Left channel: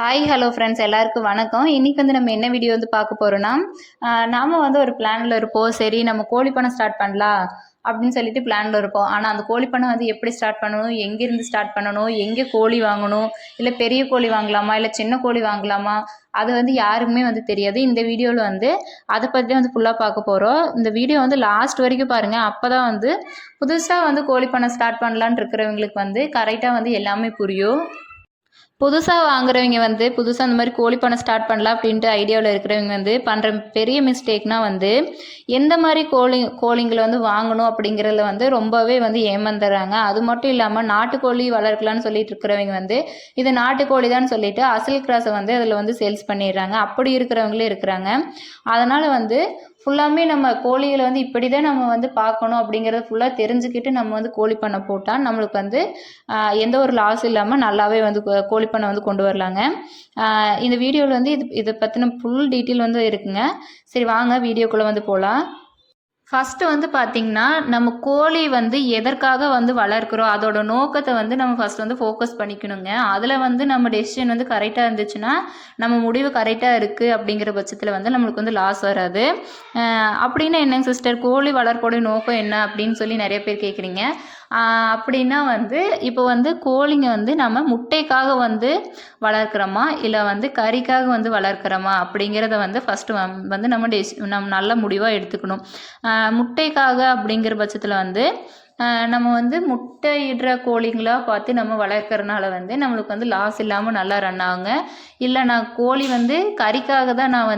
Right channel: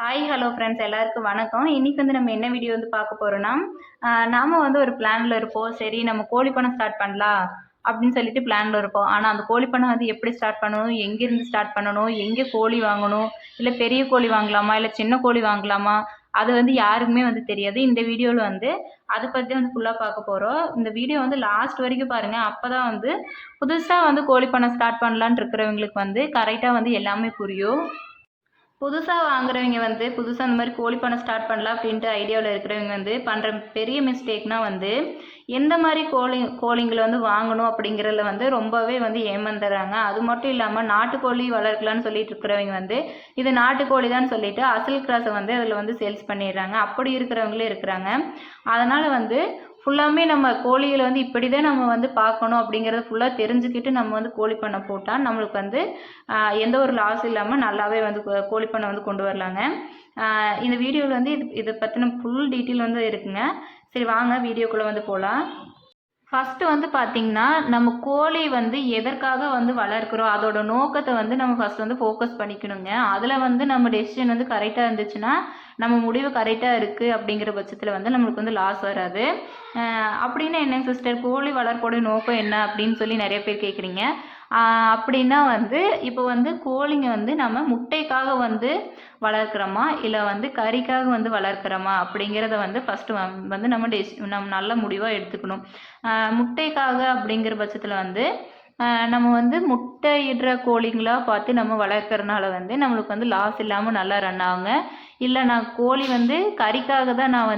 Hi hello friends எல்லாருக்கும் வணக்கம். இன்றைக்கி நம்ம என்ன வீடியோ பார்க்க போகிறோன்னா, நாம் ஒரு பிளானில் இருப்போம். சரி நம்ம கோழி பண்ணை ஸ்டார்ட் பண்ணலாம் அப்படின்னு சொல்லிட்டு பிளானில் இருப்போம். ஆனால் அந்த கோழி பண்ணை எப்படி ஸ்டார்ட் பண்ணணும், எங்கேருந்து ஸ்டார்ட் பண்ணணும், எங்கே கோழி வாங்கணும், இல்லை பெரிய கோழி வாங்கலாமா இல்லை சின்ன கோழி வாங்கலாமா, அது யாருக்குமே தெரியாது. இந்த வீடியோவில் அதை பற்றி ஃபுல்லாக பார்க்க போகிறோம். இந்த வீடியோ லாஸ்ட் வரைக்கும் பாருங்கள். அப்போ தான் புதுசாக கோழி பண்ணை ஸ்டார்ட் பண்ணலான்னு இருக்கிறவங்களுக்கு கரெக்டாக எல்லாமே புரியும். புதுசாக வாங்குறவங்க புதுசாக அந்த மாதிரி கோழி பண்ணை ஸ்டார்ட் பண்ணலாம் அப்படின்ட்டு ஐடியாவில் இருக்கிறவங்க பண்ணுற பெரிய மிஸ்டேக்னால் எந்த மாதிரி கோழிங்களை வாங்கணும் அப்படிங்கிறதுல ரொம்பவே ஏமாந்துடுறாங்க. அது மட்டும் இல்லாமல் நாட்டுக்கோழி வளர்க்கலான்னு சொல்லிட்டு இருக்கிறவங்க இது நாட்டுக்கோழி தான் சொல்லிட்டு அசல் கிராஸை அதில் சேல்ஸ் பண்ணிடுறாங்க. அப்படி இருக்கிறவங்களே இருக்கிறாங்க. அதனால் ஃபுல்லாமே நம்ம கோழிகளை இப்படி தான் நம்ம பார்க்கணும் அப்படிங்கிறத ஃபுல்லாக தெரிஞ்சுக்கிட்டு நம்ம கோழி பண்ணை போட்டால் நம்மளுக்கு எந்த ஒரு லாஸ் இல்லாமல் நல்லாவே கோழி பண்ணை கொண்டு வரலாங்க. இந்த வீடியோவில் இதை பற்றின ஃபுல் டீட்டெயில் இருக்குங்க. சரி வாங்க வீடியோக்குள்ளே போகலாம். ஃபஸ்ட்டு பார்த்திங்கன்னா நம்ம கோழி எதற்காக வளர்க்குறோம் அதோட நோக்கத்தை நம்ம ஃபஸ்ட் ஃபோக்கஸ் பண்ணிக்கணுங்க. அதில் நம்ம டெசிஷன் கரெக்டாக இருந்துச்சுன்னா நம்ம முடிவு கரெக்டாக இருக்குது அப்படிங்கிற பட்சத்தில் நம்மளுக்கு லாஸ் வராது. அப்படின்னா என்னங்க சிஸ்டர், கோழி வளர்ப்போடைய நோக்கம் என்ன அப்படின்னு சொல்லி நிறைய பேர் கேட்குறீங்க. அப்படின்னா இப்போ கோழிங்க நம்ம முட்டைக்காக வளர்க்குறோமா இல்லை கறிக்காக வளர்க்குறோமா அப்படிங்கிறத ஃபஸ்ட்டு நம்ம நல்ல முடிவாக எடுத்துக்கணும். முட்டைக்காக அப்படிங்கிற பட்சத்தில் நம்ம முட்டையிடுற கோழிங்களாக பார்த்து நம்ம வளர்க்குறனால நம்மளுக்கு லாஸ் இல்லாமல் நல்லா ரன் ஆகுங்க. இல்லை நான் கோழி கறிக்காக தான் நான்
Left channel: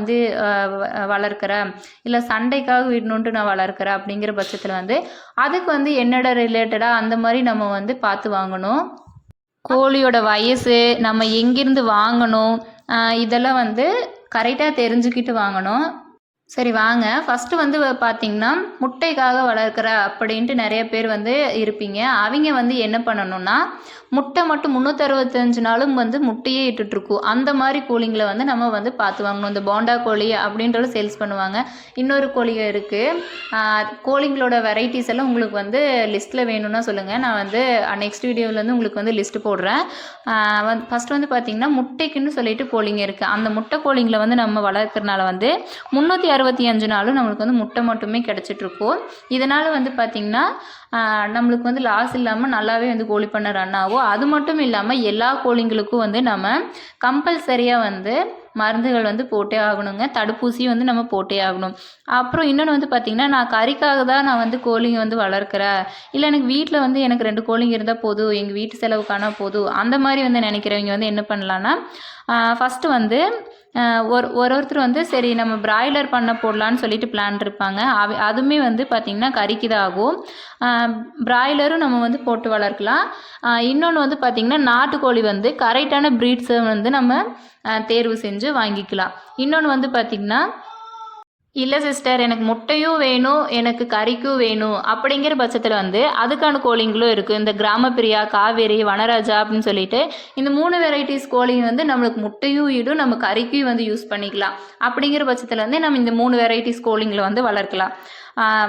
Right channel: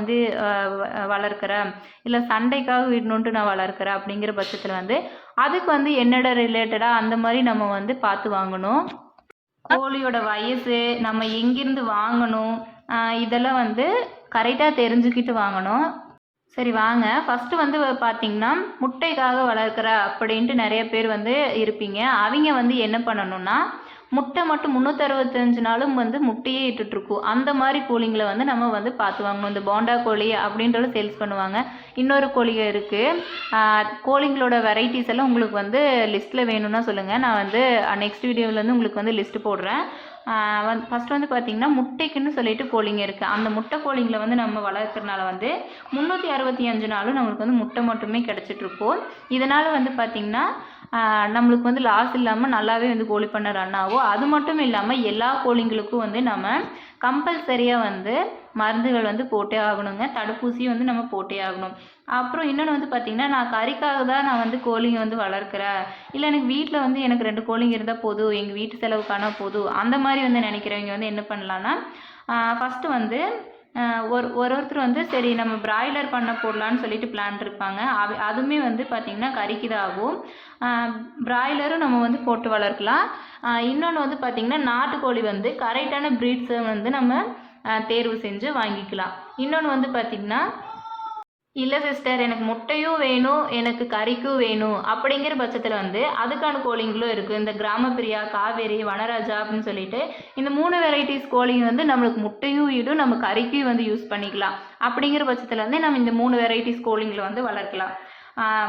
வளர்க்குறேன், இல்லை சண்டைக்காக விடணுன்ட்டு நான் வளர்க்குறேன் அப்படிங்கிற பட்சத்தில் அதுக்கு என்னோட ரிலேட்டடாக அந்த மாதிரி நம்ம பார்த்து வாங்கணும். கோழியோட வயசு, நம்ம எங்கேருந்து வாங்கணும், இதெல்லாம் கரெக்டாக தெரிஞ்சுக்கிட்டு வாங்கணும். சரி வாங்க, ஃபஸ்ட்டு பார்த்திங்கன்னா முட்டைக்காக வளர்க்குற அப்படின்ட்டு நிறைய பேர் இருப்பீங்க. அவங்க என்ன பண்ணணும்னா முட்டை மட்டும் 365 நாளும் முட்டையே இட்டுட்ருக்கும். அந்த மாதிரி கோழிங்களை நம்ம பார்த்து வாங்கணும். இந்த போண்டா கோழி அப்படின்றத சேல்ஸ் பண்ணுவாங்க. இன்னொரு கோழிகள் இருக்குது. கோழிங்களோட வெரைட்டிஸ் எல்லாம் உங்களுக்கு லிஸ்ட்டில் வேணும்னா சொல்லுங்கள். நான் நெக்ஸ்ட் வீடியோவில் உங்களுக்கு லிஸ்ட்டு போடுறேன். ஃபஸ்ட்டு பார்த்திங்கன்னா முட்டைக்குன்னு சொல்லிட்டு கோழிங்க இருக்குது. அந்த முட்டை கோழிங்களை நம்ம வளர்க்குறனால 365 நாளும் நம்மளுக்கு முட்டை மட்டுமே கிடச்சிட்ருக்கோம். இதனால் பார்த்திங்கன்னா நம்மளுக்கு லாஸ் இல்லாமல் நல்லாவே கோழி பண்ணை ரன் ஆகும். அது மட்டும் இல்லாமல் எல்லா கோழிங்களுக்கும் நம்ம கம்பல்சரியாக மருந்துகள் போட்டே ஆகணுங்க. தடுப்பூசியும் நம்ம போட்டே ஆகணும். அப்புறம் இன்னொன்று பார்த்திங்கன்னா நான் கறிக்காக தான் நான் கோழிங்க வளர்க்குறேன், இல்லை எனக்கு வீட்டில் எனக்கு 2 கோழிங்க இருந்தால் போதும், எங்கள் வீட்டு செலவுக்கான போதும், அந்த மாதிரி நினைக்கிறவங்க என்ன பண்ணலான்னா ஃபஸ்ட்டு ஒருத்தர் சரி நம்ம பிராய்லர் பண்ண போடலான்னு சொல்லிட்டு பிளான் இருப்பாங்க. அதுவுமே பார்த்திங்கன்னா கறிக்கு தான் ஆகும். பிராய்லரும் நம்ம போட்டு வளர்க்கலாம். இன்னொன்று பார்த்திங்கன்னா நாட்டுக்கோழி கரெக்டான ப்ரீட்ஸை நம்ம தேர்வு செஞ்சு வாங்கிக்கலாம். இன்னொன்று பார்த்திங்கன்னா இல்லை சிஸ்டர் எனக்கு முட்டையும் வேணும் எனக்கு கறிக்கும் வேணும் அப்படிங்கிற பட்சத்தில் அதுக்கான கோழிங்களும் இருக்குது. இந்த கிராமப்பிரியா, காவேரி, வனராஜா அப்படின்னு சொல்லிட்டு இந்த 3 வெரைட்டிஸ் கோழிங்க நம்மளுக்கு முட்டையும் இடும், நம்ம கறிக்கும் யூஸ் பண்ணிக்கலாம். அப்படிங்கிற பட்சத்தில் நம்ம இந்த 3 வெரைட்டிஸ் கோழிங்களை வளர்க்கலாம்.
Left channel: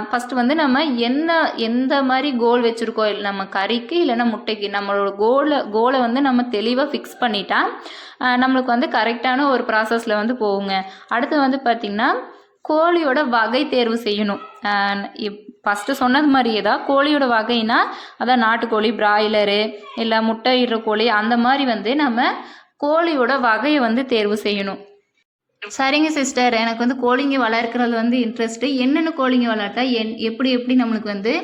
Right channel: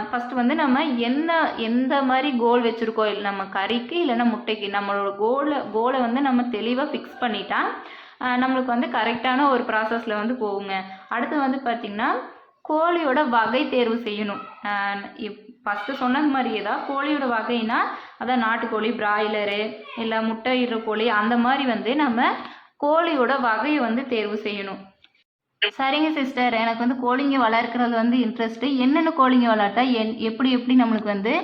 ஃபஸ்ட்டு நம்ம எந்த மாதிரி கோல் வச்சுருக்கோம், நம்ம கறிக்கு இல்லைன்னா முட்டைக்கு, நம்மளோட கோலை நம்ம தெளிவாக ஃபிக்ஸ் பண்ணிட்டா நம்மளுக்கு கரெக்டான ஒரு ப்ராசஸில் போகுங்க. அடுத்து பார்த்திங்கன்னா கோழியோட வகை தேர்வு செய்யணும். ஃபஸ்ட்டு சொன்னது மாதிரியே தான் கோழியோட வகைனா அதான் நாட்டுக்கோழி, பிராய்லரு, இல்லை முட்டையிடுற கோழி, அந்த மாதிரி நம்ம கோழியோட வகையை தேர்வு செய்யணும். சரிங்க சிஸ்டர், எனக்கு கோழிங்க வளர்க்குறது இன்ட்ரெஸ்ட்டு. என்னென்ன கோழிங்க வளர்த்தா எப்படி நம்மளுக்கு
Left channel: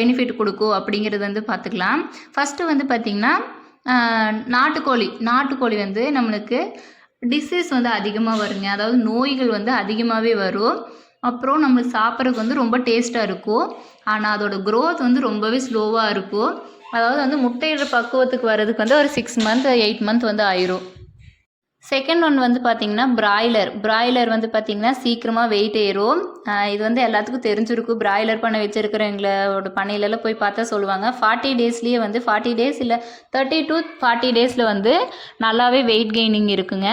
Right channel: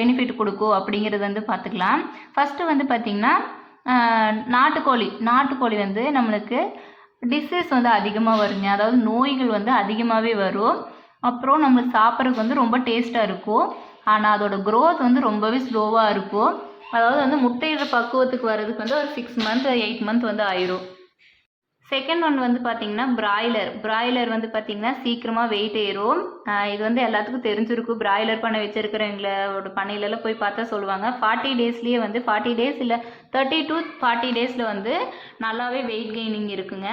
பெனிஃபிட் கொடுக்கும் அப்படிங்கிறது பார்த்துக்கலாம். ஃபஸ்ட்டு பார்த்திங்கன்னா நாட்டுக்கோழி நம்மளுக்கு டிசீஸ் அதிகமாக வருங்க. அதாவது நோய்கள் அதிகமாகவே வரும். அப்புறம் நம்மளுக்கு சாப்பிட்றதுக்கு ரொம்ப டேஸ்ட்டாக இருக்கும். ஆனால் அதோட க்ரோத் ரொம்பவே ஸ்லோவாக இருக்கும். அதாவது முட்டையிடுற பக்குவத்துக்கு வர்றதுக்கு ஒரு 6 மந்த் 8 மந்த் ஆயிரும். செகண்ட் ஒன் பார்த்திங்கன்னா பிராய்லர் பார்த்திங்கன்னா சீக்கிரமாக வெயிட் ஏறும். இது எல்லாத்துக்கும் தெரிஞ்சிருக்கும். பிராய்லர் பண்ண வச்சுருக்கிறவங்களோட பண்ணையிலலாம் போய் பார்த்தா சொல்லுவாங்க 40 டேஸ்லேயே 40 டேஸ் இல்லை 30 to 40 டேஸில் நல்லாவே வெயிட் கெய்னிங் இருக்குங்க.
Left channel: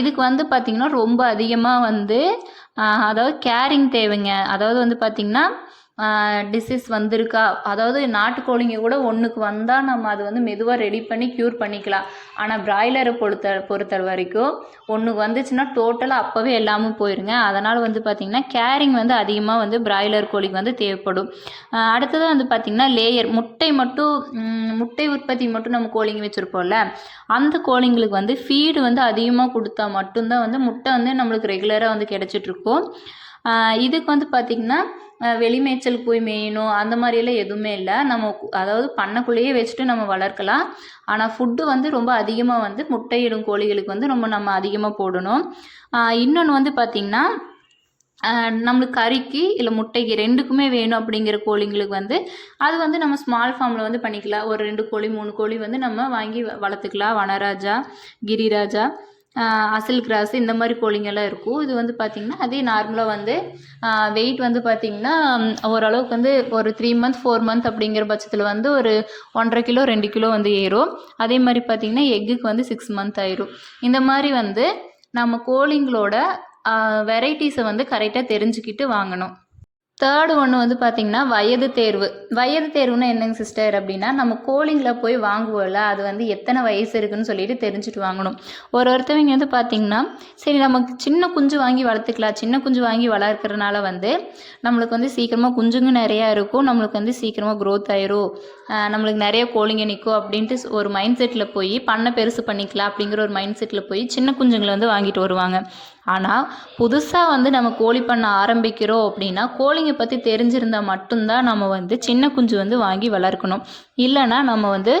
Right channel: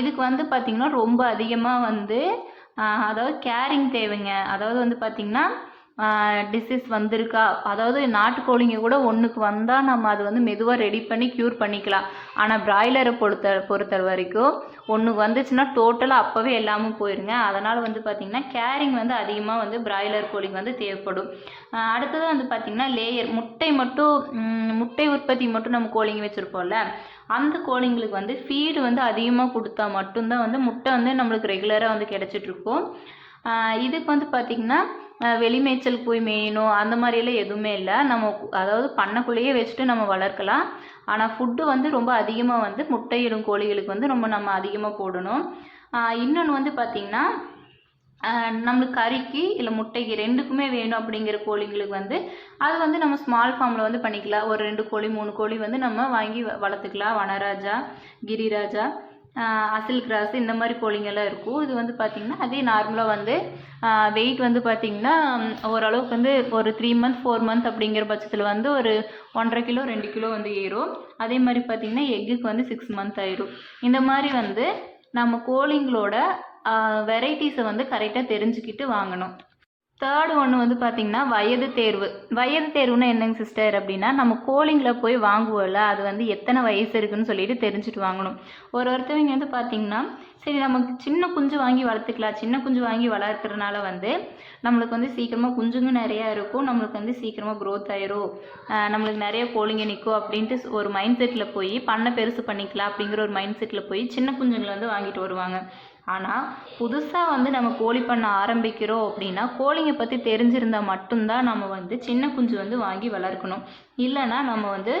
இதுக்கு பார்த்திங்கன்னா ரொம்ப அதிகமாக அதாவது கேரிங் தேவைங்க. அதாவது பார்த்திங்கன்னா டிசீஸ் வந்திருக்கா, அதாவது நாட்டுக்கோழிங்க கூட ஒன்றுக்கு வந்தால் நம்ம அது வந்து மெதுவாக ரெடி பண்ணி க்யூர் பண்ணிக்கலாம். ஆனால் பிராய்லரை பொறுத்த வரைக்கும் ஒன்றுக்கு வந்துச்சுன்னா டோட்டலாக அப்போவே எல்லாமும் போயிருங்க. அதனால் வந்து பார்த்திங்கன்னா கேரிங் வந்து அதிகமாக வந்து பிராய்லர் கோழிக்கு வந்து தேவைப்படும். அடுத்தது வந்து பார்த்திங்கன்னா லேயர் முட்டை உற்பத்தி மட்டும் நம்ம கோழிங்க வச்சுருப்போம்ல, அந்த கோழிங்களுக்கு வந்து ஃபீடு வந்து அதிகமாக கொடுத்தா மட்டும்தான் வந்து முட்டை வந்து நம்மளுக்கு ரெகுலராக வந்து கிடச்சிட்ருக்கும். இதுக்கு வந்து பார்த்திங்கன்னா வெளிமேய்ச்சல் போய் மேயணும் அந்த மாதிரியெல்லாம் எதுவுமே இல்லை. நம்ம அதாவது பண்ணைக்குள்ளேயே வச்சுட்டு நம்ம வளர்க்கலாம். ஆனால் ஃபுட்டு வந்து ரொம்ப அதிகமாக வந்து முட்டையிடும் கோழிகளுக்கு வந்து ரொம்ப நம்ம அதிகமாக போடணும். இன்னொன்று வந்து பார்த்திங்கன்னா நம்மளுக்கு கறிக்கு இல்லை முட்டைக்கு 2க்குமே வேணும் அப்படிங்கிற கோழிங்களுக்கு வந்து அது வந்து நம்ம ஸ்மால் ஃபார்மில் வந்து பண்ணிக்கலாம். ஒரு 2 கோழி 3 கோழி வந்து நம்ம வாங்கி வளர்த்துக்கலாம். வனராஜா, கிரிராஜா, அசில் கிராஸ் இந்த மாதிரி கோழிங்கெல்லாம் இருக்கும். இது வந்து பார்த்திங்கன்னா அதே நார்மலாக வந்து வெயிட் வந்து பார்த்திங்கன்னா ஓரளவுக்கு வந்து ஒரு 3 மந்த் 4 மந்த் அப்படிங்கிற பட்சத்தில் வந்து ஒரு 1.5 கிலோ 2 கிலோ வந்து ஏறும். அதே மாதிரி பார்த்திங்கன்னா எக்குக்கு வந்து 6 மந்த் ஆயிரும். இந்த மாதிரி வந்து நம்ம கோழிங்களோட வெரைட்டிஸை வந்து கரெக்டாக தெரிஞ்சுக்கிட்டு வாங்கணும். தேர்டு ஒன்று வந்து பார்த்திங்கன்னா வயது தேர்வுன்னா என்னங்க சிஸ்டர் அப்படின்னா, நம்ம கோழிங்களை போய் வாங்குவோம்ல, அது வந்து எத்தனை வயசு இருக்குதுன்னு சொல்லிட்டு தெரிஞ்சுட்டு வாங்கணும். ஒருத்தவங்க வந்து பார்த்திங்கன்னா சரி நமக்கு சின்ன குஞ்சு வாங்கி வளர்த்துக்கலாம், சின்ன குஞ்சு வாங்கி வளர்க்குறதுனால வந்து நம்மளுக்கு வந்து சீக்கிரமாக குஞ்சுங்க நிறையா இருக்கும், நம்மளுக்கு வந்து சீக்கிரமாக க்ரோத் ஆயிரும், நம்மளுக்கு நிறைய கோழிங்க நிற்கும் அப்படின்ட்டு ஒரு மைண்ட் செட்டில் போய் பண்ணை பெருசு பண்ணிக்கலாம் அப்படிங்கிற ஒரு மைண்ட் செட்டில் போய் சின்ன குஞ்சுங்களை வந்து வாங்கிட்டு வருவாங்க. ஆனால் புதுசாக வந்து நம்ம கோழி பண்ண ஆரம்பிக்கிறோம் அப்படின்னா கோழிங்க பற்றி தெரிஞ்சிருந்தால் மட்டும்தான் நம்ம வந்து சின்ன குஞ்சு வந்து வாங்கி வளர்க்கணும். இல்லைன்னா நம்ம வந்து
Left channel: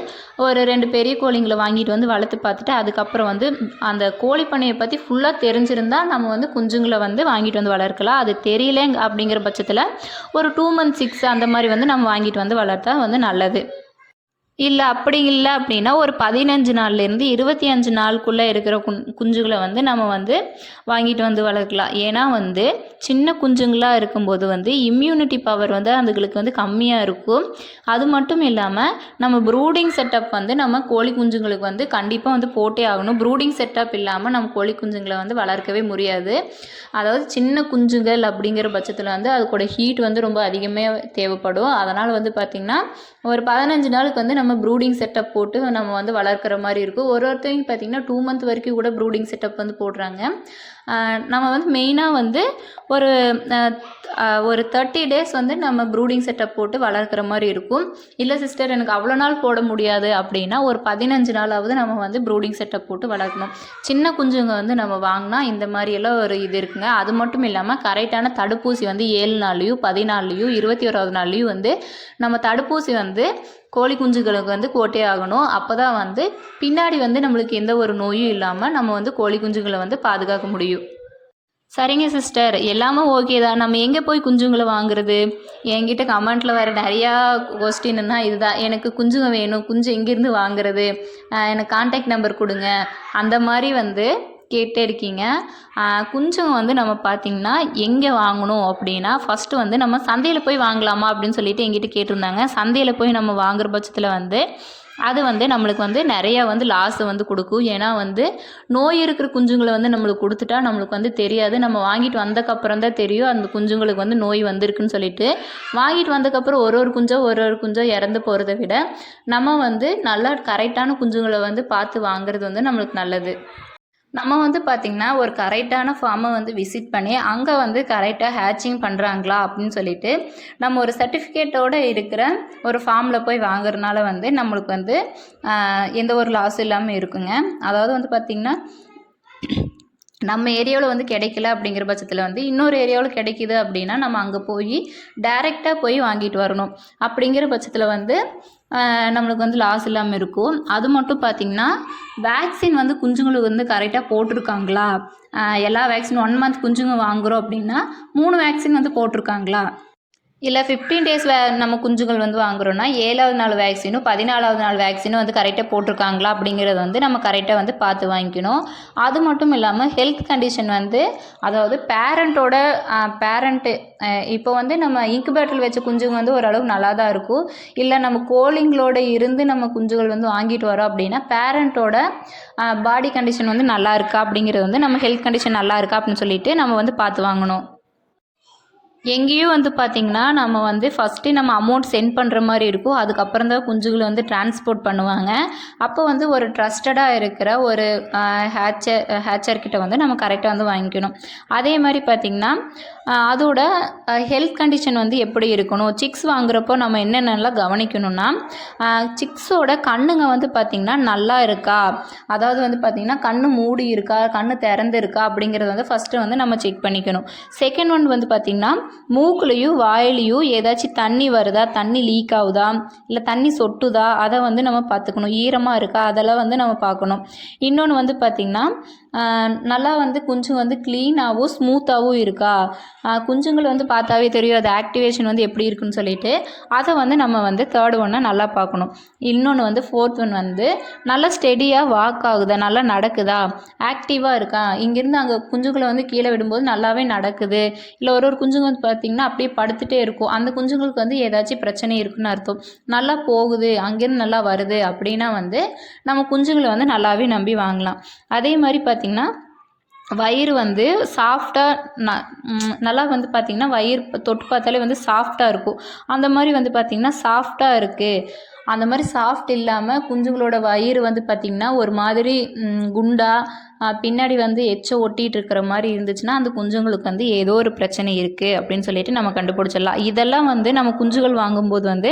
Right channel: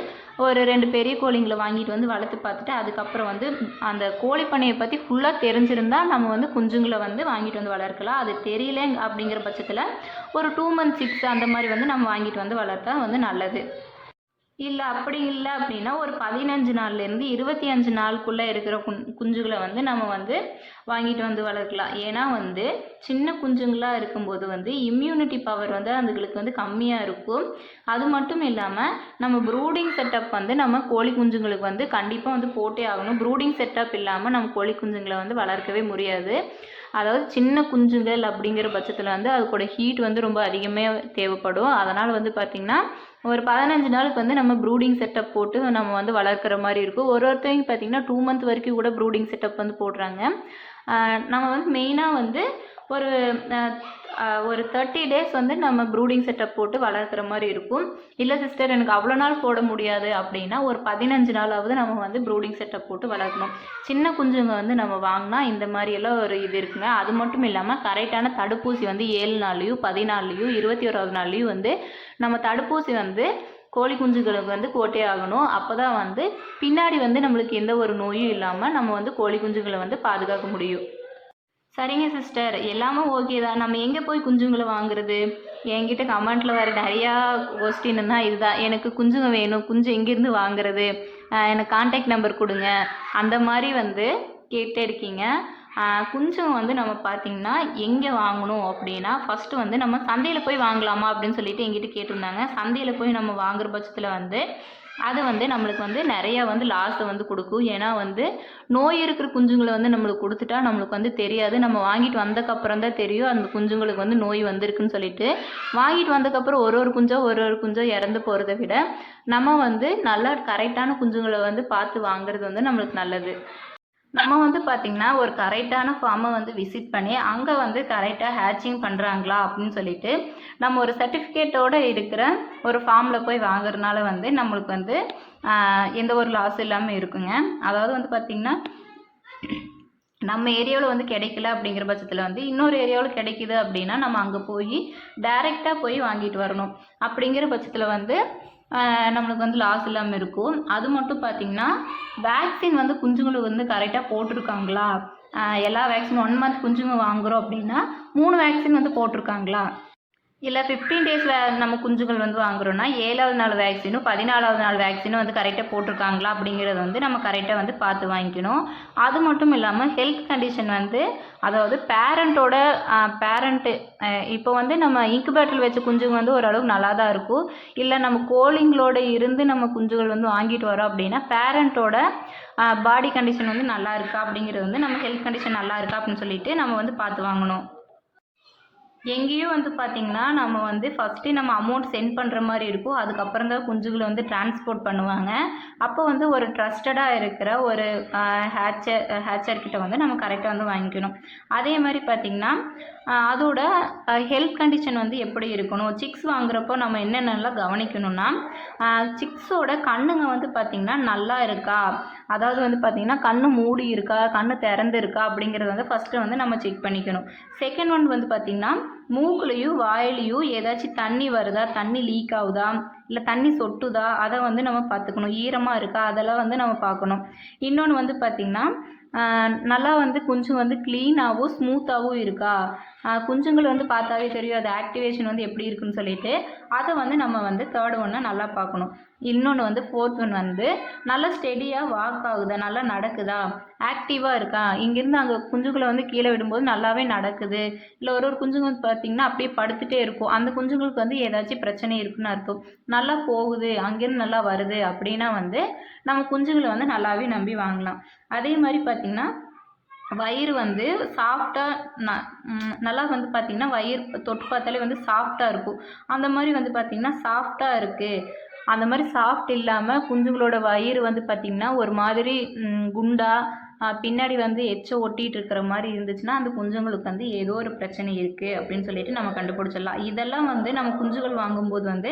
ஒரு 2 பெரிய கோழிங்களை வாங்கிட்டு வந்து வளர்த்து பார்த்துட்டு அதுக்கப்புறம் வந்து அந்த கோழி பண்ணையை பற்றி ஃபுல்லாக தெரிஞ்சிருந்தால் நம்ம வந்து குஞ்சுங்களை வந்து வாங்கிட்டு வந்து வளர்க்கலாம். அது தெரியல அப்படிங்கிற பட்சத்தில் ஒரு 2 months 6 அந்த மாதிரி வந்து நம்ம வாங்கிட்டு வந்து வளர்த்தா வந்து நல்லது. அப்படி இல்லை அப்படின்னா ஒரு 15 நாள்லேருந்து 25 நாளுக்குள்ளே இருக்கிற குஞ்சுகளை வந்து நம்ம வந்து வாங்கிட்டு வந்து வளர்க்கலாம். ஏன்னா வந்து சின்ன குஞ்சுங்களாக இருக்கும்போது வந்து இம்யூனிட்டி பவர் வந்து அதுங்களுக்கு வந்து கம்மியாக இருக்கும். அது மட்டும் இல்லாமல் நம்ம ப்ரூடிங் செட்டப் வந்து நம்ம கோழி குஞ்சுங்களுக்கு வந்து கண்டிப்பாக வந்து போட்டே ஆகணும். ப்ரூடிங் செட்டப் இல்லாமல் நம்ம கோழி குஞ்சுங்களை வந்து வளர்க்கவே முடியாது. அதாவது சின்ன குஞ்சுகள் அப்படிங்கிற பட்சத்தில் வந்து அதுக்கூட ஹீட் வந்து ரொம்ப அதிகமாக தேவைப்படும். அதனால் வந்து பார்த்திங்கன்னா ஒரு 15 நாளுக்கு வந்து நம்ம ப்ரூடிங் செட்டப் போட்டு நம்ம வந்து வளர்க்குற மாதிரி இருக்கும். ஒருத்தவங்க பார்த்திங்கன்னா 2 month வரைக்கும் கூட ப்ரூடிங் செட்டப் வந்து போடுறாங்க. நம்ம வந்து மெயினாக வந்து ஒரு 30 days வந்து நம்ம ப்ரூடிங் செட்டப் போட்டு வளர்க்குற மாதிரி இருக்கும். இல்லை சிஸ்டர் எனக்கு அவ்வளோ நாள் போட முடியாது அப்படின்னா ஒரு 15 நாளாவது நம்ம வந்து ப்ரூடிங் செட்டப் போட்டு வளர்க்கணும். சின்ன குஞ்சுங்க வந்து நம்ம வாங்கினா இந்த மாதிரியெல்லாம் ஒரு இது இருக்குங்க. அது மட்டும் இல்லாமல் கரெக்டான தடுப்பூசி வந்து 7 நாள்லேயும் 14 21வது நாள்லேயும் வந்து நம்ம தடுப்பூசி வந்து கோழி குஞ்சுகளுக்கு வந்து போட்டே ஆகணும். அப்போ தான் வந்து பின்னாடி வந்து நம்மளுக்கு எந்த ஒரு நோயும் இல்லாமல் நம்ம வந்து கோழி குஞ்சுகளை வந்து பாதுகாக்க முடியும். சரிங்க சிஸ்டர், எல்லாமே ஓகே தான். நம்ம எங்கே போய் குஞ்சுங்களை வாங்குறது? என்கிட்ட கமெண்ட்டில் வர நிறையா கொஸ்டின்னா இதுதான், எனக்கு குஞ்சுங்க வேணும், குஞ்சு எங்கேருந்து வாங்குறது, எனக்கு கான்டாக்ட் நம்பர் கொடுங்க, அந்த மாதிரி வந்து கேட்டே இருக்கீங்க. குஞ்சுங்க வந்து நம்ம பார்த்திங்கன்னா எங்கே வாங்கணும் அப்படின்னா ஃபஸ்ட்டு வந்து நம்ம சந்தையில் போய் வாங்கலாமா அப்படின்னு சொல்லிட்டு எங்கிட்ட கேட்டிருந்தாங்க. சந்தையில் போய் நம்ம வாங்குற பட்சத்தில் வந்து அது வந்து நம்மளுக்கு வந்து நிறையா வந்து லாஸை வந்து கொடுக்கும். ஏன்னா வந்து நோய் இருக்கிற குஞ்சுங்களை வந்து நம்மளுக்கு கொடுத்துட்டா நம்மளுக்கு வந்து தெரியாது. நம்ம வாங்கிட்டு வந்ததுக்கப்புறம் தான் தெரியும் அந்த குஞ்சுங்களுக்கு வந்து நோய் வந்திருக்குன்னு சொல்லிட்டு. வாங்கிட்டு வந்ததுக்கப்புறம் ஒரு குஞ்சோ இறந்து போகிறத விட நம்ம வந்து நல்லா கரெக்டான குஞ்சுங்களை வந்து பார்த்து வாங்குறது வந்து நம்மளுக்கு நல்லது. நம்ம வந்து பார்த்திங்கன்னா ஒரு கரெக்டான ஃபார்மை வந்து விசிட் பண்ணி அங்கே வந்து கரெக்டாக ஹேச்சிங் பண்ணுறாங்களா அப்படின்னு சொல்லிட்டு நம்ம ஒரு சர்டிஃபிகேட்டோடு இருக்கிற ஒரு ஃபார்மில் போய் வாங்குறதுனால வந்து நம்மளுக்கு வந்து எந்த ஒரு லாஸ் இல்லாமல் இருக்குங்க. அதாவது வந்து பார்த்திங்கன்னா நம்ம ஏரியாவில் வந்து கிடைக்கல அப்படிங்கிற பட்சத்தில் வந்து இன்னொரு ஏரியாவில் கிடைக்கிது அப்படின்னா நம்ம அங்கே போய் டைரெக்டாக போய் வாங்கிட்டு வரணும். அப்படிங்கிற பட்சத்தில் வந்து நம்மளுக்கு வந்து லாஸ் இல்லாமல் இருக்கும். அது மட்டும் பார்த்திங்கன்னா வேக்சின் வந்து குஞ்சுங்களுக்கு வந்து கரெக்டாக போட்டிருக்காங்களா, எல்லா வேக்சின் 1 month குஞ்சுங்க வாங்குகிறோம் அப்படின்னா 3 வேக்சின் வந்து போட்டிருக்காங்களா, இல்லை 15 days நம்ம குஞ்சுகள் வந்து வாங்குகிறோன்னா 7வது நாள் வேக்சினும் 14வது நாள் வேக்சினும் வந்து கரெக்டாக போட்டிருக்காங்களா அப்படிங்கிறத வந்து நம்ம கரெக்டாக வந்து பார்த்து வாங்கிக்கணும். அது மட்டும் இல்லாமல் ஹெல்த் கண்டிஷன் வந்து அதாவது பேரண்ட்டு இப்போ வந்து நம்ம இன்குபேட்டரில் வச்ச குஞ்சுங்க வந்து ஓரளவுக்கு நல்லா தான் இருக்கும். இல்லை நம்ம கோழிங்களோட இருந்து நம்ம குஞ்சுகள் வந்து வாங்கிட்டு வரோம் அப்படின்னா பேரண்ட்டோட பாடி கண்டிஷன் வந்து நல்லா இருக்கா அப்படிங்கிறது வந்து நம்ம ஹெல்த் கண்டிஷன் நல்லா இருக்கா அப்படின்னு சொல்லிட்டு நம்ம வந்து பார்த்து வாங்கணும். எங்கேயும் வந்து பார்த்திங்கன்னா, நம்ம வந்து ஃபஸ்ட்டே நம்ம அமௌண்ட் சென்ட் பண்ணுற மாரி இருக்கும். அதுக்கப்புறம் தான் குஞ்சுகள வந்து டிரான்ஸ்போர்ட் பண்ணுவாங்க. அப்போ வந்து ஒரு ட்ரஸ்டடா இருக்கிற ஒரு ஹேச்சர் கிட்ட வந்து நம்ம கரெக்ட்டா வந்து வாங்கிக்கணும். அதே மாரி பார்த்திங்கன்னா, அதோட ஹெல்த் கண்டிஷன் வந்து எப்படி இருக்கணும்? சிக்ஸ் வாங்குறப்போ நம்ம என்னென்னலாம் கவனிக்கணும்னா, சிக்ஸோட கண்ணுங்க வந்து பார்த்திங்கன்னா, நல்லா இருக்கா? அதாவது வந்து பார்த்திங்கன்னா, கண்ணு மூடி இருக்கா? கண்ணு திறந்து இருக்கா? அப்படிங்கிறத வந்து ஃபஸ்ட்டு வந்து நம்ம செக் பண்ணிக்கணும். செகண்ட் ஒன் வந்து பார்த்திங்கன்னா, மூக்குலேயும் வாயிலையும் ஏதாச்சும் தண்ணி வருதா, தண்ணி லீக் ஆகுதா, இல்லை தண்ணி சொட்டுதா, அதை வந்து நம்ம பார்த்துக்கணும். ஈரமாக இருக்கா, அதெல்லாம் வந்து நம்ம பார்க்கணும். இன்னொன்று வந்து பார்த்திங்கன்னா, நல்லா வந்து குஞ்சு வந்து க்ளீனாகவும் ஸ்மூத்தாகவும் இருக்கா, குஞ்சுங்கள் வந்து பார்த்தாவே தெரியும் அது ஆக்டிவேஷன் வந்து எப்படி இருக்குன்னு சொல்லிட்டு, அதை வந்து நம்ம வந்து தேர்ட் ஒன்னாக நல்லா பார்க்கணும். இன்னொன்று வந்து ஃபோர்த் ஒன் வந்து நல்லா ஸ்டெடியாக வாக் ஆகுதா, நல்லா நடக்குதா, ஆக்டிவாக இருக்கா, இங்கேருந்து அங்கே குஞ்சுகளை வந்து கீழே விடும்போது நல்லாவே நடக்குது, இல்லை ஒரு குஞ்சுங்க வந்து பார்த்திங்கன்னா அப்படியே படுத்துகிட்டே இருக்கும், அந்த குஞ்சுங்களுக்கு வந்து ஏதாச்சும் பிரச்சனை இருக்குன்னு அர்த்தம். நல்லா போகுது, அங்கேருந்து நல்லா வருது அப்படின்னா வந்து நம்ம குஞ்சுங்களை வந்து நல்லாவே நம்பி வாங்கலாம். அதே மாதிரி பார்த்திங்கன்னா, வயிறு வந்து சாஃப்டாக நல்லா வந்து பார்த்திங்கன்னா வயிறு தொட்டு பார்த்தாலே வந்து சாஃப்டாக இருக்கும். அந்த மாதிரி வந்து பார்த்திங்கன்னா சாஃப்டாக இருக்குது, அந்த மாதிரி சாஃப்ட் இல்லாமல் குஞ்சுங்களோட வயிறு வந்து பார்த்திங்கன்னா ஒரு மாதிரி குண்டா, பின்னாடி வந்து ஒட்டிகிட்டு இருக்கிற மாதிரி இருந்துச்சுன்னா அந்த குஞ்சுங்களுக்கு வந்து ஏதோ ஒரு பிரச்சனை இருக்குது அப்படின்னு சொல்லிட்டு நம்ம கண்டுபிடிச்சிடலாம். இதெல்லாம் வந்து நம்ம குஞ்சுகள் வாங்கும்போது வந்து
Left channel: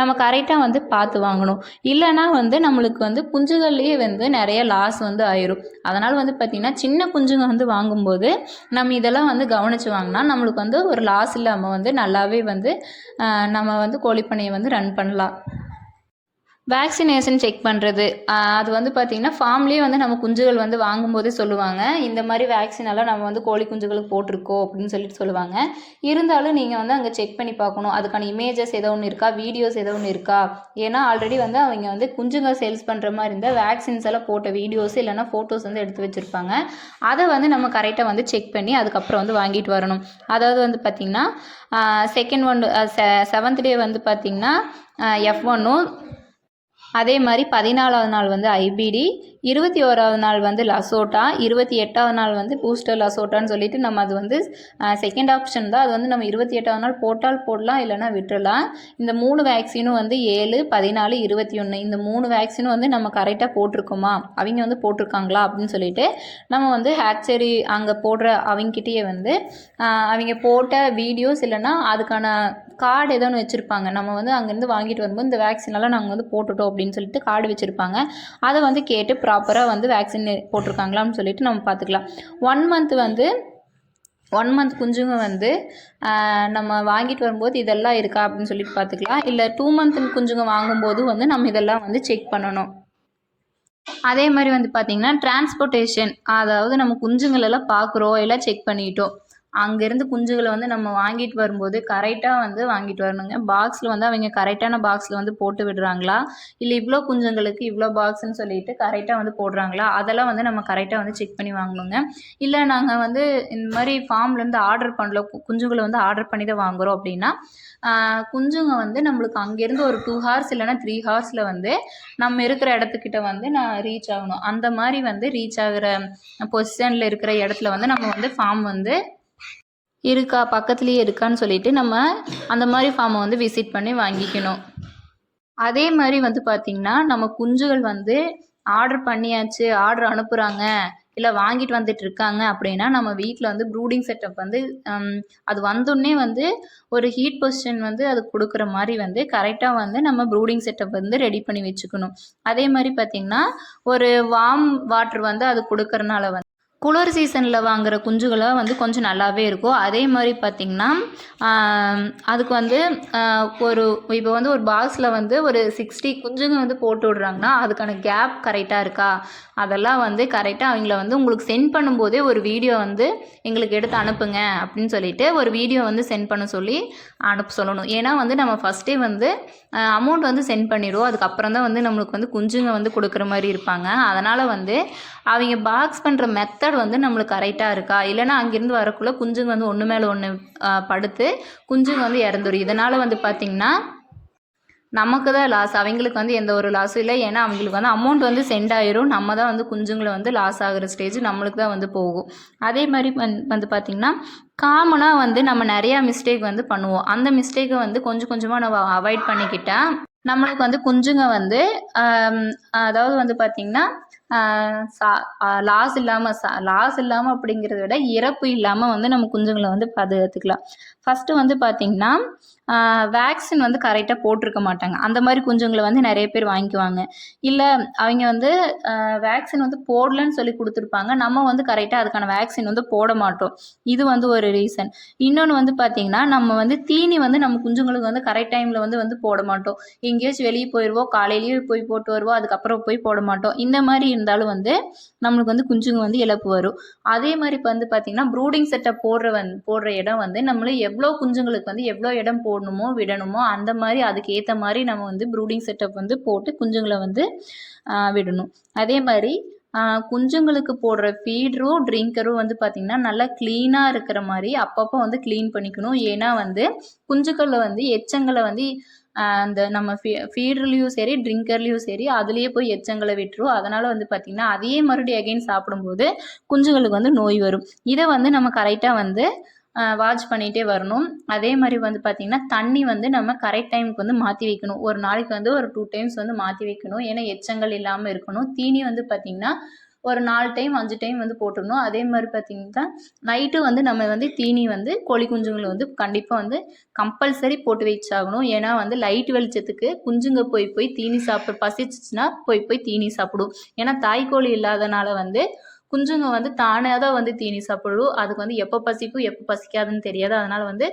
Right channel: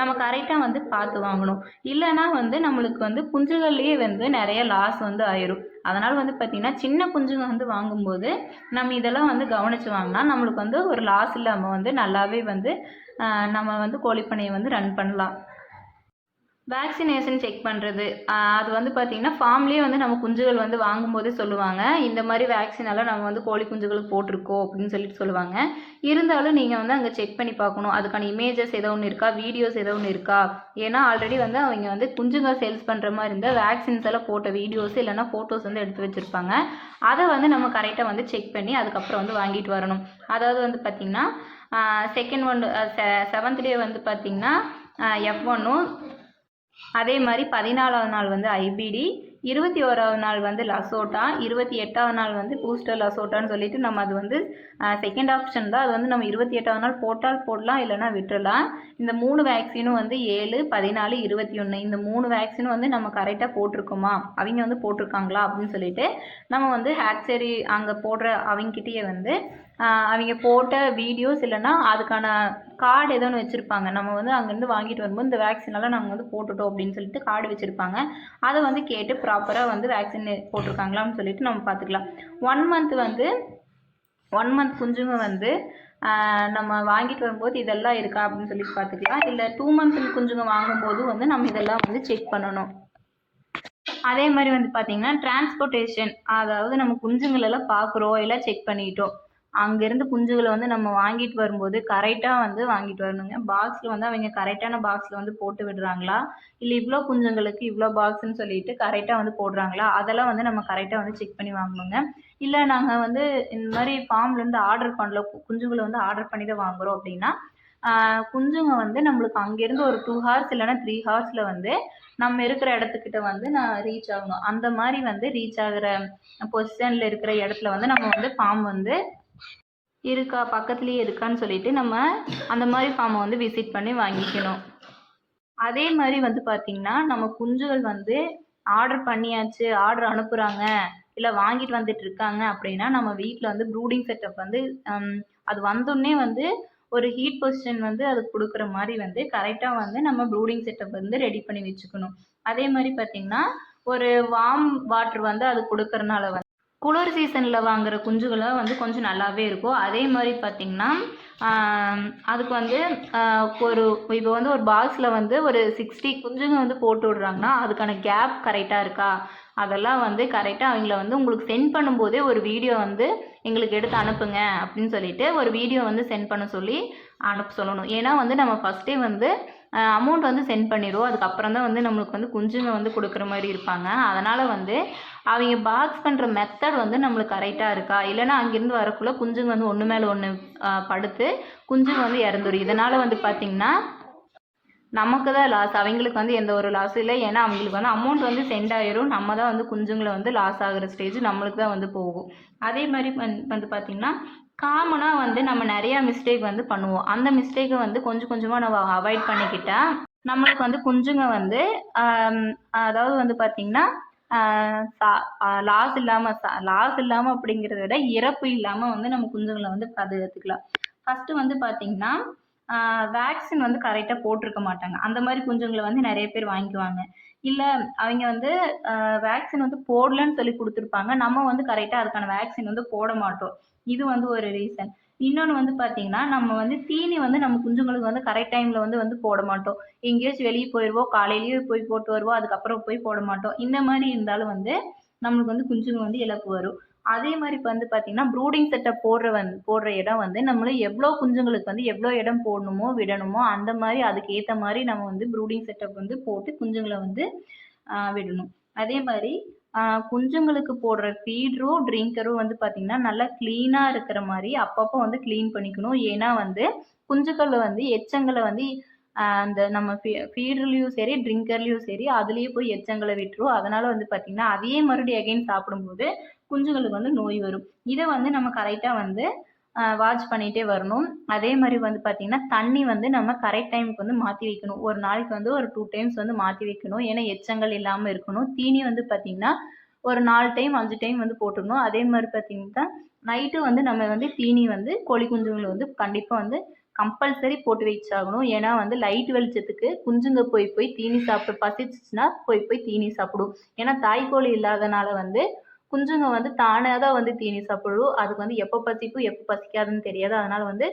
நம்ம கரெக்டாக வந்து பார்த்து வாங்கணும். இல்லைன்னா வந்து நம்மளுக்கு வந்து குஞ்சுகள்லேயே வந்து நிறைய லாஸ் வந்து ஆயிரும். அதனால் வந்து பார்த்திங்கன்னா சின்ன குஞ்சுங்க வந்து வாங்கும்போது நம்ம இதெல்லாம் வந்து கவனித்து வாங்கினா நம்மளுக்கு வந்து ஒரு லாஸ் இல்லாமல் வந்து நல்லாவே வந்து நம்ம வந்து கோழிப்பண்ணையை வந்து ரன் பண்ணலாம். வேக்சினேஷன் செக் பண்ணுறது, அது வந்து பார்த்திங்கன்னா ஃபார்ம்லேயே வந்து நம்ம குஞ்சுகள் வந்து வாங்கும்போதே சொல்லுவாங்க, இந்த மாதிரி வேக்சினெல்லாம் நம்ம வந்து கோழி குஞ்சுகளுக்கு போட்டிருக்கோம் அப்படின்னு சொல்லிட்டு சொல்லுவாங்க. இருந்தாலும் நீங்கள் வந்து அங்கே செக் பண்ணி பார்க்கணும், அதுக்கான இமேஜஸ் ஏதோ ஒன்று இருக்கா, வீடியோஸ் ஏதோ ஒன்று இருக்கா. ஏன்னா ஆல்ரெடி வந்து அவங்க வந்து குஞ்சுங்க சேல்ஸ் பண்ணுற மாதிரி இருந்தால் வேக்சின்ஸ் எல்லாம் போட்ட வீடியோஸ் இல்லைனா ஃபோட்டோஸ் வந்து எடுத்து வச்சுருப்பாங்க. அதை வந்து நம்ம கரெக்டாக வந்து செக் பண்ணி அதுக்கப்புறம் வந்து வாங்கிட்டு வரணும். அதாவது வந்து பார்த்திங்கன்னா செகண்ட் ஒன் 7th டே வந்து பார்த்திங்கன்னா F1ம், அதே மாதிரி 14வது நாள் வந்து ஐபிடி, 21வது நாள் வந்து லசோட்டா, 28வது நாள் வந்து பூஸ்டர் லசோட்டான்னு சொல்லிட்டு நம்ம அது வந்து செகண்ட் ஆப்ஷன் தான். அது வந்து நம்ம 28வது நாள் போட்டால் போடலாம், இல்லைனா விட்டுறலாம். இந்த 3 வேக்சினும் வந்து 7, 14, 21 இந்த 3 வேக்சினும் வந்து நம்ம கரெக்டாக போட்டிருக்கோமா, அவங்க வந்து போட்டிருக்காங்களா அப்படின்னு சொல்லிட்டு நம்ம வந்து ஹேட்சரி அங்கே போடுற அவங்ககிட்டயே வந்து அவங்க போட்ட வீடியோஸ் இல்லைனா அதுக்கான கார்டு ஏதோ ஒன்று வச்சுருப்பாங்க. நம்ம வந்து அங்கேருந்து வாங்கிட்டு வரும்போது இந்த வேக்சினெல்லாம் நாங்கள் வந்து போட்டுட்டோம் அப்படின்னு சொல்லிட்டு கார்டு வச்சுருப்பாங்க. அதை வந்து கேட்டு ப்ராப்பராக வந்து வேக்சின் போட்டிருக்காங்களான்னு சொல்லிட்டு நம்ம பார்த்துக்கலாம். 1 மந்த் குஞ்சுங்க வந்து நம்ம வாங்கிட்டு வரும்போது இதெல்லாம் இருக்கா அப்படின்னு சொல்லிட்டு பார்த்துக்கலாம். இல்லை 2 மந்த் குஞ்சுங்க வாங்கும்போது வந்து நம்ம இதெல்லாம் வந்து செக் பண்ணணும். அதே மாதிரி வந்து பார்த்திங்கன்னா டிரான்ஸ்போர்ட்டேஷன், அதாவது நம்ம குஞ்சுங்களெல்லாம் பார்க்குறோம், எல்லாம் செக் பண்ணிட்டோம், அங்கேருந்து குஞ்சுகளை வந்து நம்ம வாங்கிட்டு வரும்போது கரெக்டாக வந்து வாங்கிட்டு வரணுங்க. பாக்ஸில் வந்து அவங்க கரெக்டான பாக்ஸில் வந்து போட்டு விடுறாங்களா, இல்லை இவ்வளோ குஞ்சுங்களுக்கு இவ்வளோ பாக்ஸ்ன்னு சொல்லிட்டு கரெக்டாக வந்து போடுறாங்களா, அதெல்லாம் வந்து நம்ம கரெக்டாக வந்து செக் பண்ணி வாங்கணுங்க. இல்லை நாங்கள் வந்து இந்த மாதிரி ஃபார்ம்லேருந்து ஆர்டர் பண்ணல, குஞ்சுகளை வந்து ஆர்டர் பண்ணி தான் வாங்குகிறோம் அப்படின்னா குஞ்சுங்க வந்து நம்மளுக்கு அங்கேருந்து ஒரு 2 ஹார்ஸ் இல்லைனா 3 ஹார்ஸில் வந்து நம்ம இருக்கிற இடத்துக்கிட்ட வந்து நான் ரீச் ஆகணும். அந்த மாதிரி வந்து ரீச் ஆகிற பொசிஷனில் இருக்கிற இடத்துல வந்து நம்ம வந்து ஃபார்ம் வந்து இருக்கா, பக்கத்துலேயே இருக்கான்னு சொல்லிட்டு நம்ம அந்த மாதிரி ஃபார்மை வந்து விசிட் பண்ணி வாங்கிக்கணும். அதே மாதிரி வந்து பார்த்திங்கன்னா நம்ம குஞ்சுகள் வந்து ஆர்டர் பண்ணியாச்சு, ஆர்டர் அனுப்புகிறாங்க, இல்லை வாங்கிட்டு வந்துட்டு இருக்காங்க அப்படின்னா நம்ம வீட்டில் வந்து ப்ரூடிங் செட்டப் வந்து அது வந்தோடனே வந்து ஒரு ஹீட் பொசிஷன் வந்து அது கொடுக்குற மாதிரி வந்து கரெக்டாக வந்து நம்ம ப்ரூடிங் செட்டப் வந்து ரெடி பண்ணி வச்சுக்கணும். அதே மாதிரி பார்த்திங்கன்னா ஒரு வார்ம் வாட்டர் வந்து அது கொடுக்கறனால வந்து குளிர் சீசனில் வாங்குகிற குஞ்சுகளை வந்து கொஞ்சம் நல்லாவே இருக்கும். அதே மாதிரி பார்த்திங்கன்னா அதுக்கு வந்து ஒரு இப்போ வந்து ஒரு பாக்ஸில் வந்து ஒரு 60 குஞ்சுங்க வந்து போட்டு விட்றாங்கன்னா அதுக்கான கேப் கரெக்டாக இருக்கா, அதெல்லாம் வந்து கரெக்டாக அவங்கள வந்து உங்களுக்கு சென்ட் பண்ணும்போதே ஒரு வீடியோ வந்து எங்களுக்கு எடுத்து அனுப்புங்க அப்படின்னு சொல்லிட்டு ஒரு வீடியோ வந்து சென்ட் பண்ண சொல்லி அனுப்ப சொல்லணும். ஏன்னா வந்து நம்ம ஃபஸ்ட்டே வந்து அமௌண்ட் வந்து சென்ட் பண்ணிடுவோம், அதுக்கப்புறம் தான் வந்து நம்மளுக்கு வந்து குஞ்சுங்க வந்து கொடுக்குற மாதிரி இருப்பாங்க. அதனால் வந்து அவங்க பாக்ஸ் பண்ணுற மெத்தட் வந்து நம்மளுக்கு கரெக்டாக இருக்கா, இல்லைனா அங்கேருந்து வரக்குள்ளே குஞ்சுங்க வந்து ஒன்று மேலே ஒன்று படுத்து குஞ்சுங்க வந்து இறந்துடும். இதனால் வந்து பார்த்திங்கன்னா நமக்கு தான் லாஸ், அவங்களுக்கு வந்து எந்த ஒரு லாஸும் இல்லை. ஏன்னா அவங்களுக்கு வந்து அமௌண்ட் வந்து சென்ட் ஆயிரும், நம்ம தான் வந்து குஞ்சுங்களை வந்து லாஸ் ஆகிற ஸ்டேஜ் நம்மளுக்கு தான் வந்து போகும். அதே மாதிரி வந்து பார்த்திங்கன்னா காமனாக வந்து நம்ம நிறையா மிஸ்டேக் வந்து பண்ணுவோம். அந்த மிஸ்டேக்கை வந்து கொஞ்சம் கொஞ்சமாக நம்ம அவாய்ட் பண்ணிக்கிட்டால் நம்மளுக்கு வந்து குஞ்சுங்க வந்து அதாவது வந்து பார்த்திங்கன்னா லாஸ் இல்லாமல் அப்படிங்கிறத விட இறப்பு இல்லாமல் வந்து நம்ம குஞ்சுங்களை வந்து பாதுகாத்துக்கலாம். ஃபஸ்ட்டு வந்து பார்த்திங்கன்னா வேக்சின் வந்து கரெக்டாக போட்டிருக்க மாட்டாங்க. அந்த மாதிரி குஞ்சுங்களை வந்து நிறைய பேர் வாங்கிக்குவாங்க. இல்லை அவங்க வந்து வேக்சின் வந்து போடலன்னு சொல்லி கொடுத்துருப்பாங்க, நம்ம வந்து கரெக்டாக அதுக்கான வேக்சின் வந்து போட மாட்டோம். இது வந்து ஒரு ரீசன். இன்னொன்று வந்து பார்த்திங்கன்னா நம்ம வந்து தீனி வந்து நம்ம குஞ்சுங்களுக்கு வந்து கரெக்ட் டைமில் வந்து போட மாட்டோம். எங்கேயாச்சும் வெளியே போயிடுவோம், காலையிலேயே போய் போட்டு வருவோம், அதுக்கப்புறம் போய் போட மாட்டோம். இந்த மாதிரி இருந்தாலும் வந்து நம்மளுக்கு வந்து குஞ்சுங்க வந்து இழப்பு வரும். அதே மாதிரி இப்போ வந்து பார்த்திங்கன்னா ப்ரூடிங் செட்டப் போடுற இடம் வந்து நம்மள எவ்வளோ குஞ்சுங்களுக்கு வந்து எவ்வளோ இடம் போடணுமோ விடணுமோ அந்த மாதிரி அதுக்கு ஏற்ற மாதிரி நம்ம வந்து ப்ரூடிங் செட்டப் வந்து போட்டு குஞ்சுங்களை வந்து விடணும். அதே மாதிரி குஞ்சுங்களுக்கு போடுற ஃபீடரும் ட்ரிங்கரும் வந்து பார்த்திங்கன்னா நல்லா க்ளீனாக இருக்கிற மாதிரி அப்பப்போ வந்து க்ளீன் பண்ணிக்கணும். ஏன்னா வந்து குஞ்சுக்களில் வந்து எச்சங்களை வந்து அந்த நம்ம ஃபீடர்லேயும் சரி ட்ரிங்கர்லேயும் சரி அதுலேயே போய் எச்சங்களை விட்டுரும். அதனால் வந்து பார்த்திங்கன்னா அதையே மறுபடியும் அகைன் சாப்பிடும்போது குஞ்சுங்களுக்கு வந்து நோய் வரும். இதை வந்து நம்ம கரெக்டாக வந்து வாட்ச் பண்ணிகிட்டே வரணும். அதே மாதிரி வந்து பார்த்திங்கன்னா தண்ணி வந்து நம்ம கரெக்ட் டைமுக்கு வந்து மாற்றி வைக்கணும். ஒரு நாளைக்கு வந்து ஒரு 2 டைம்ஸ் வந்து மாற்றி வைக்கணும். ஏன்னா எச்சங்கள் இல்லாமல் இருக்கணும். தீனி வந்து பார்த்திங்கன்னா ஒரு 4 டைம் 5 டைம் வந்து போட்டுக்கணும். அதே மாதிரி பார்த்திங்கன்னா நைட்டு வந்து நம்ம வந்து தீனி வந்து கோழி குஞ்சுங்களை வந்து கண்டிப்பாக வந்து கம்பல்சரி போட்டு வச்சாகணும். ஏன்னா வந்து லைட் வெளிச்சத்துக்கு குஞ்சுங்க போய் தீனி சாப்பிட்டு பசிச்சிச்சுன்னா போய் தீனி சாப்பிடும். ஏன்னா தாய்க்கோழி இல்லாதனால வந்து குஞ்சுங்க வந்து தானே தான் வந்து தீனி சாப்பிடும். அதுக்கு வந்து எப்போ பசிக்கும் எப்போ பசிக்காதுன்னு தெரியாது. அதனால் வந்து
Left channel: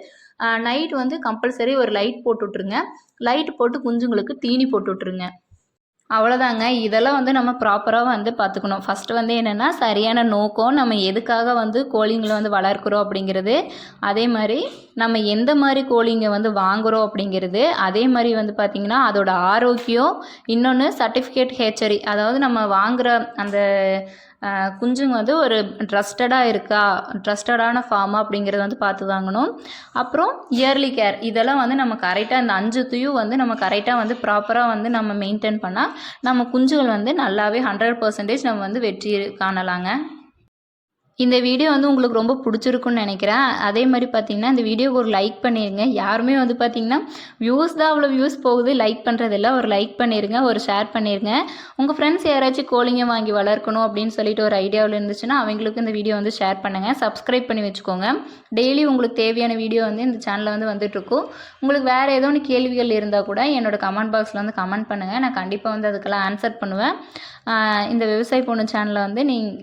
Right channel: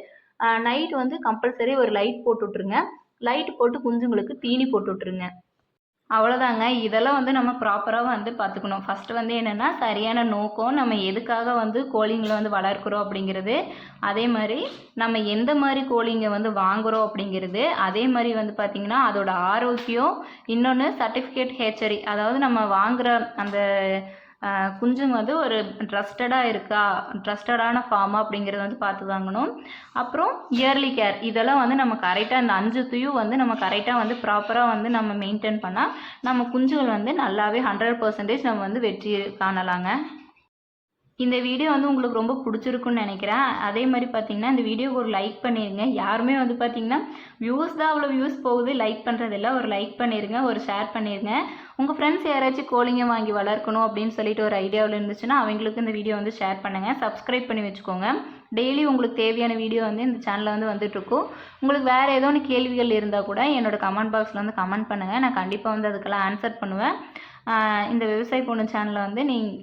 நைட் வந்து கம்பல்சரி ஒரு லைட் போட்டு விட்ருங்க. லைட் போட்டு குஞ்சுங்களுக்கு தீனி போட்டு விட்ருங்க. அவ்வளோதாங்க. இதெல்லாம் வந்து நம்ம ப்ராப்பராக வந்து பார்த்துக்கணும். ஃபஸ்ட்டு வந்து என்னென்னா சரியான நோக்கம், நம்ம எதுக்காக வந்து கோழிங்களை வந்து வளர்க்குறோம் அப்படிங்கிறது, அதே மாதிரி நம்ம எந்த மாதிரி கோழிங்க வந்து வாங்குகிறோம் அப்படிங்கிறது, அதே மாதிரி வந்து பார்த்திங்கன்னா அதோட ஆரோக்கியம், இன்னொன்று சர்டிஃபிகேட் ஹேச்சரி, அதாவது நம்ம வாங்குகிற அந்த குஞ்சுங்க வந்து ஒரு ட்ரஸ்டடான ஃபார்மா அப்படிங்கிறத வந்து பார்த்து வாங்கணும். அப்புறம் இயர்லி கேர், இதெல்லாம் வந்து நம்ம கரெக்டாக இந்த 5 துயும் வந்து நம்ம கரெக்டாக வந்து ப்ராப்பராக வந்து நம்ம மெயின்டைன் பண்ணால் நம்ம குஞ்சுகள் வந்து நல்லாவே 100% நம்ம வந்து வெற்றி காணலாங்க. இந்த வீடியோ வந்து உங்களுக்கு ரொம்ப பிடிச்சிருக்குன்னு நினைக்கிறேன். அதே மாதிரி பார்த்திங்கன்னா இந்த வீடியோவுக்கு ஒரு லைக் பண்ணிடுங்க. யாருமே வந்து பார்த்திங்கன்னா வியூஸ் தான் அவ்வளோ வியூஸ் போகுது, லைக் பண்ணுறதில்ல. ஒரு லைக் பண்ணிடுங்க, ஒரு ஷேர் பண்ணிடுங்க. உங்கள் ஃப்ரெண்ட்ஸ் யாராச்சும் கோழிங்க வாங்கி வளர்க்கணும் அப்படின்னு சொல்லிட்டு ஒரு ஐடியாவில் இருந்துச்சுன்னா அவங்களுக்கு இந்த வீடியோ வந்து ஷேர் பண்ணுங்கள். சப்ஸ்கிரைப் பண்ணி வச்சுக்கோங்க. டெய்லி உங்களுக்கு தேவையான வீடியோ வந்து இந்த சேனலில் வந்து வந்துட்டுருக்கும். உங்களுக்கு வேறு ஏதோ ஒன்று கேள்விகள் இருந்தால் கூட என்னோடய கமெண்ட் பாக்ஸில் வந்து கமெண்ட் பண்ணுங்கள். நான் கண்டிப்பாக வந்து அதுக்கெல்லாம் ஆன்சர் பண்ணுவேன். இந்த விவசாய பொண்ணு சேனலில் வந்து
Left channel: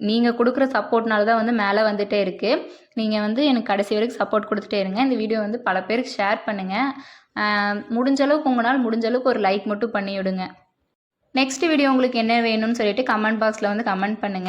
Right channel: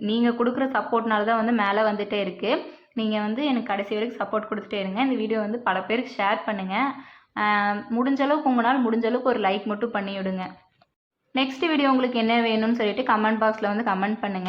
நீங்கள் கொடுக்குற சப்போர்ட்னால தான் வந்து மேலே வந்துகிட்டே இருக்குது. நீங்கள் வந்து எனக்கு கடைசி வரைக்கும் சப்போர்ட் கொடுத்துட்டே இருங்க. இந்த வீடியோ வந்து பல பேருக்கு ஷேர் பண்ணுங்கள். முடிஞ்ச அளவுக்கு உங்களால் முடிஞ்ச அளவுக்கு ஒரு லைக் மட்டும் பண்ணி விடுங்க. நெக்ஸ்ட் வீடியோ உங்களுக்கு என்ன வேணும்னு சொல்லிட்டு கமெண்ட் பாக்ஸில் வந்து கமெண்ட் பண்ணுங்கள்.